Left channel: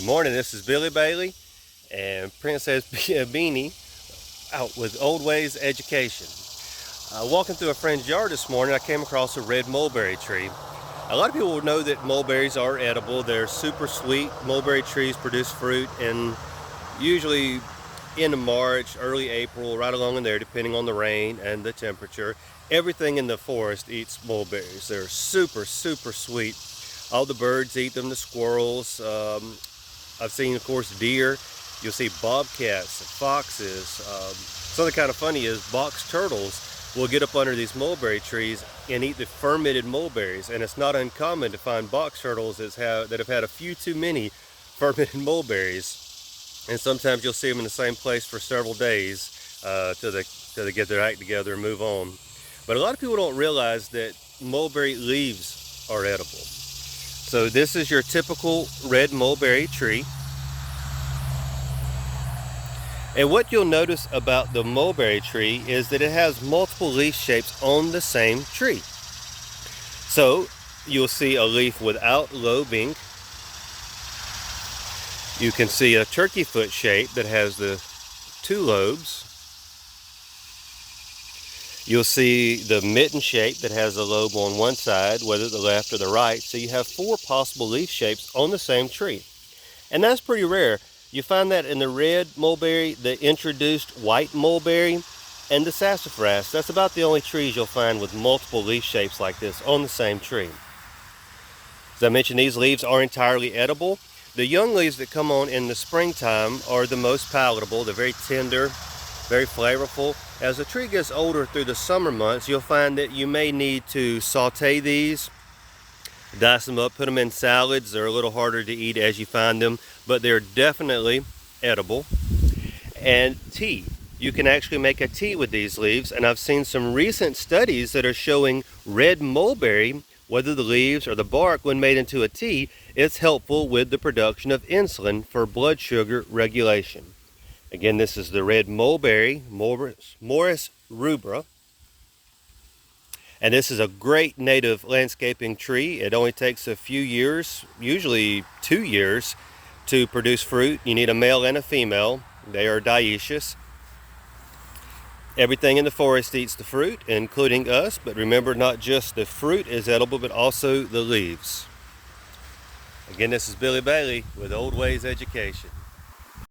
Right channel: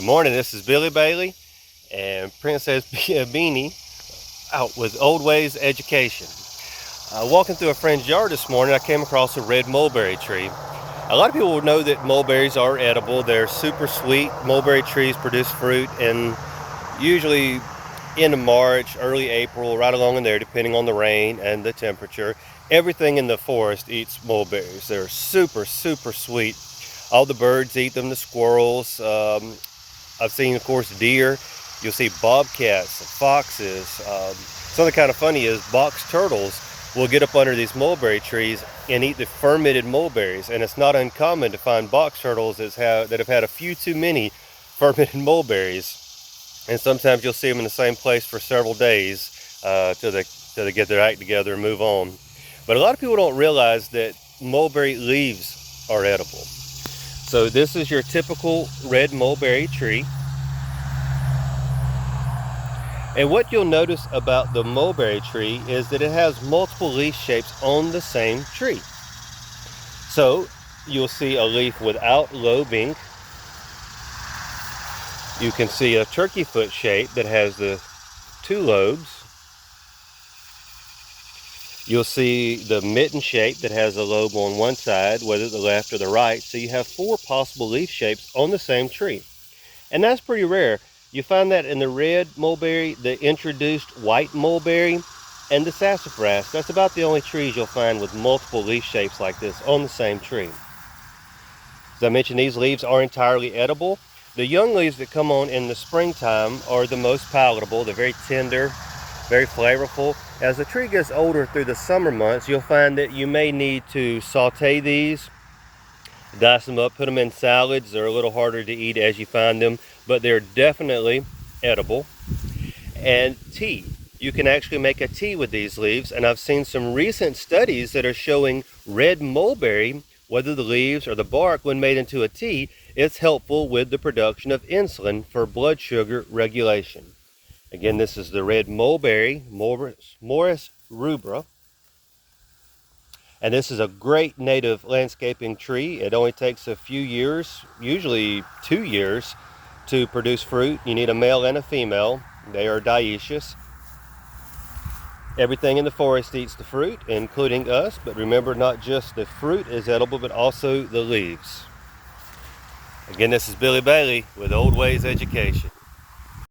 Good morning, this is Billy Bailey and Princess Beanie out with Old Ways Education. Walking through a friend's yard this morning, I came across a red mulberry tree. A lot of people will know that mulberries are edible. They're super sweet. Mulberry trees produce fruit in usually end of March, early April, right along in there, depending on the rain and the temperature. Everything in the forest eats mulberries. They're super sweet. All the birds eat them, the squirrels. I've seen, of course, deer. You'll see bobcats, foxes. Something kind of funny is box turtles will get up under these mulberry trees and eat the fermented mulberries. And it's not uncommon to find box turtles that have had a few too many fermented mulberries. And sometimes you'll see them in the same place for several days till they get their act together and move on. But a lot of people don't realize that mulberry leaves are edible. So this is your typical red mulberry tree. And what you'll notice about the mulberry tree is that it has multiple leaf shapes on the same tree. So you'll see a leaf without lobing. You can see a turkey foot shape that has the two lobes. You'll see the mitten shape that has a lobe on one side, whether the left or the right. So you have four possible leaf shapes on the same tree. And that's pretty rare. You find that in the red mulberry, the introduced white mulberry, and the sassafras. That's about the only trees you'll find with multiple leaf shapes like this on the same tree. As I mentioned, these leaves are entirely edible. The young leaves that come on in the springtime are the most palatable. They're very tender, very flavorful. As the tree gets older through the summer months, you'll find that you may need to saute these, dice them up, put them in salads. They're a little harder to eat as you find them, but they're definitely edible. And tea. You can actually make a tea with these leaves, and I've seen some recent studies that are showing red mulberry, whether the leaves or the bark, when made into a tea, it's helpful with the production of insulin for blood sugar regulation. Again, this is the red mulberry, Morus rubra. And this is a great native landscaping tree. It only takes a few years, usually 2 years, to produce fruit. You need a male and a female. They are dioecious. Everything in the forest eats the fruit, including us. But remember, not just the fruit is edible, but also the leaves. Again, this is Billy Bailey with Old Ways Education.